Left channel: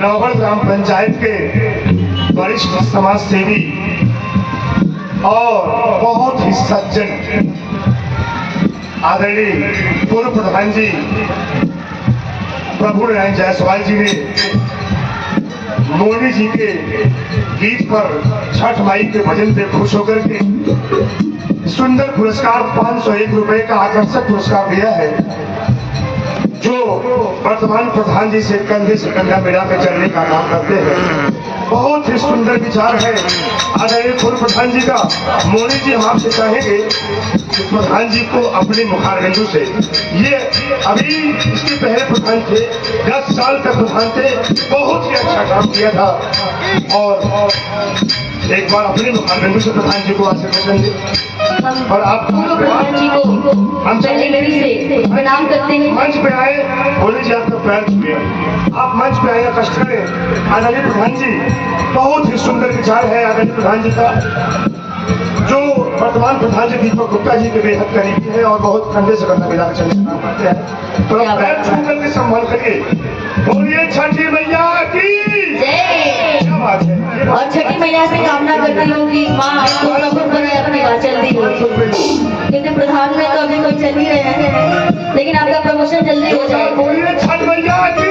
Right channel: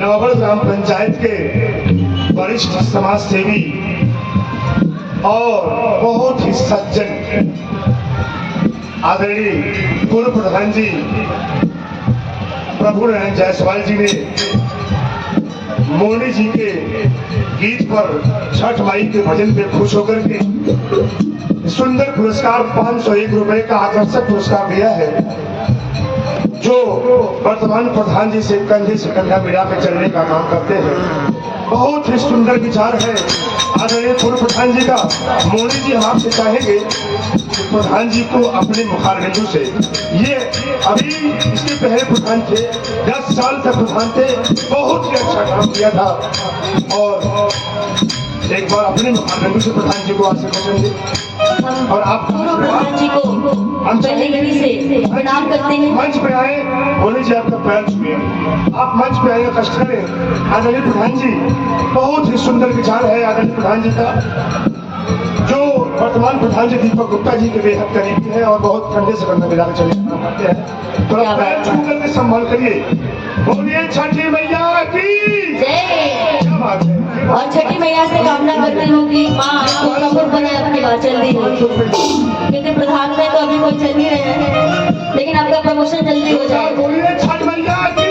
नौगढ़ ग्राम पंचायत के वरिष्ठ समाज सेवी और बहुत ही सज्जन आदरणीय पूर्व प्रधान जी प्रभु नारायण जायसवाल जी ने मोदी जी के गीत पर छठ माई के भजन पे खुश होकर के सुंदर पुरस्कार 501 रुपए का आकर्षक पुरस्कार दिया है, जो वर्तमान प्रधान जी से कंधे से कंधा मिला कर चलने का काम करते हैं। बहुत ही सुंदर विचार है आदरणीय पूर्व प्रधान जी का। मोदी जी हम आपसे चाहेंगे कि प्रधान जी को अपने मुखारबिंदु से, ये अभी इसके पहले प्रधान थे, 10 साल तक प्रधान थे, बहुत ही अच्छा काम किया था, और एक बार अपने मुखारबिंदु से प्रधान जी को आशीर्वाद देंगे। और आप पूर्व प्रधान जी को हम चंडीगढ़ से प्रणाम करते हैं। मंच पे आए, बोले जी आपका पैर छुए, आप मंच पे आए, कष्ट करें। आदरणीय प्रधान जी, बहुत ही सुंदर विचार है आदरणीय प्रधान जी का, जो वर्तमान प्रधान जी दीपक गुप्ता जी के बेहद करीबी है और बहुत कंधे से कंधा मिलाकर चलना करते हैं। तो पैर छू करके सम्मान करिए। बोलिए छठी मैया की जय। क्या बात है। और छठी मैया से कामना करती हूँ कि माँ आपको सफल बनाए, अपनी बात जल्दी हो, क्योंकि प्रधान में तो अभी कोई चल नहीं रहे हैं, लेकिन आपका प्रमोशन जल्दी हो जाए। बोलिए छठ मैया की